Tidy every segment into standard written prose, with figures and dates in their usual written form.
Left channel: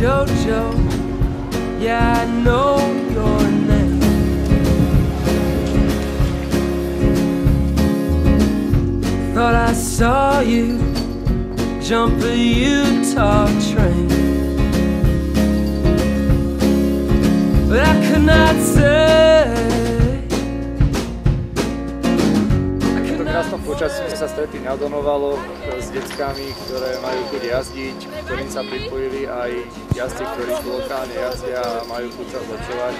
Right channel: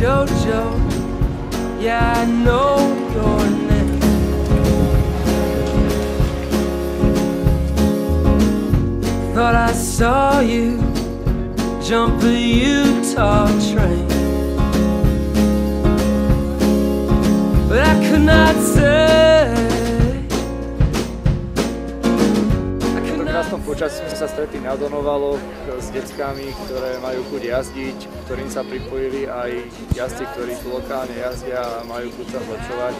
Jojo, yeah, I know your name. Thought I saw you jump a Utah train, but I could not say. V krásnom počasí sme sa stretli na Donovaloch s deckami, ktoré majú chuť jazdiť, ktorým sa pripojili aj jazdci, ktorí tu lokálne jazdia a majú chuť sa zlepšovať.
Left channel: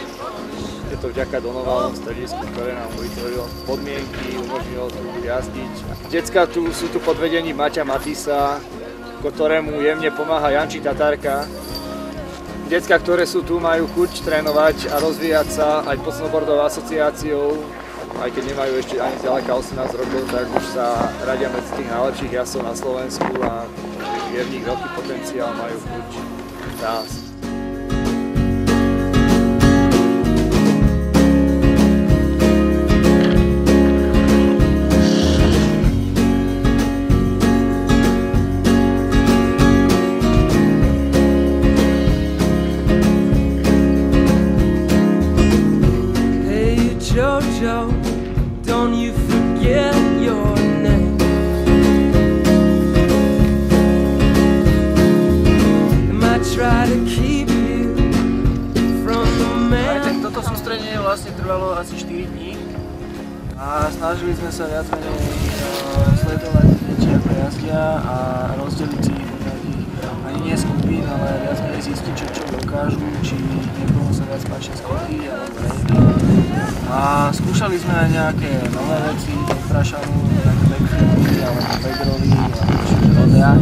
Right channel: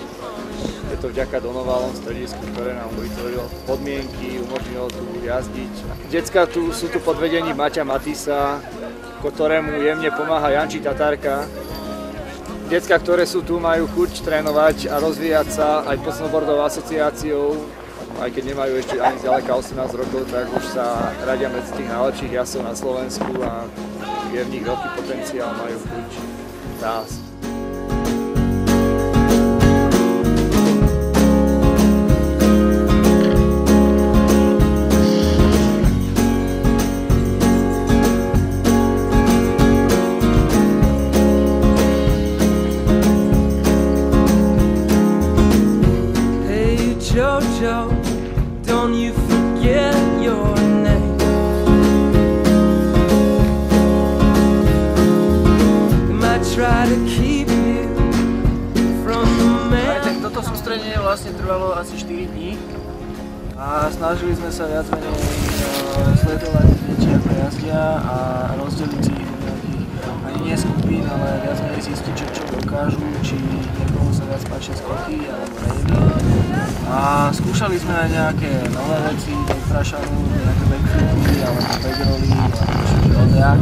Je to vďaka Donovalom stredisku, ktoré nám vytvorilo podmienky, umožnilo tu jazdiť. Decka sú tu pod vedením Maťa Matisa, ktorému jemne pomáha Janči Tatárka. Decka, ktoré sú tu, majú chuť trénovať a rozvíjať sa aj pod snowboardovou asociáciou. Aj keď nemajú ešte ani zďaleka 18 rokov, tak už sa radia medzi tých najlepších jazdcov na Slovensku a je v nich veľký potenciál, majú chuť rásť. Hey Jojo, don't you forget your name. They might try to keep you from the man. Toto sústredenie vlastne trvalo asi 4 dní a snažili sme sa viac menej sledovať deti ako jazdia a rozdeliť si ich do nejakých, ani nie skupín, ale viac menej zistiť, čo dokážu, či niekomu sa viac páčia skoky alebo rejdy. A skúšali sme aj nejaké nové veci, backprashanú, nejaké backflipy, alebo backrolly, alebo rodea.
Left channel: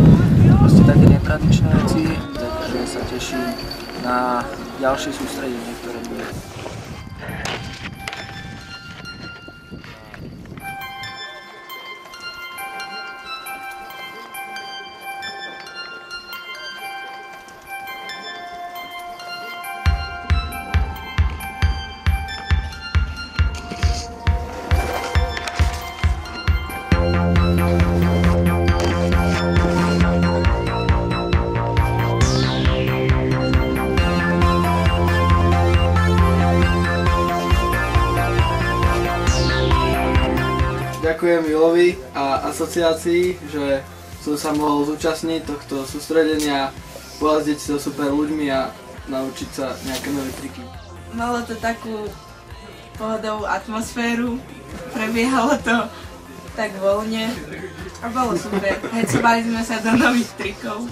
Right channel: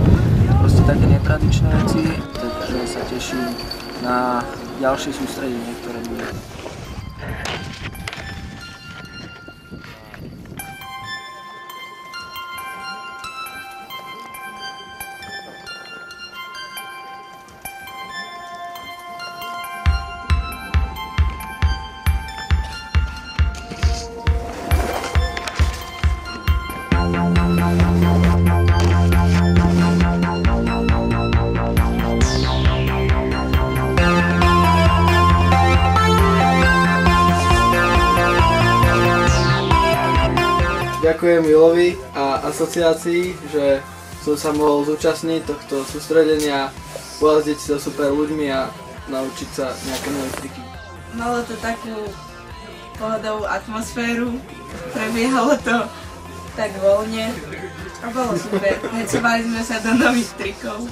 Proste také netradičné veci, takže sa teším na ďalšie sústredenie, ktoré bude. Ďakujem Milovi a asociácii, že som sa mohol zúčastniť tohto sústredenia, pojazdiť sa super ľuďmi a naučiť sa nejaké nové triky. Malo to takú pohodovú atmosféru, prebiehalo to tak voľne a bolo super. Hecovali sme sa do nových trikov.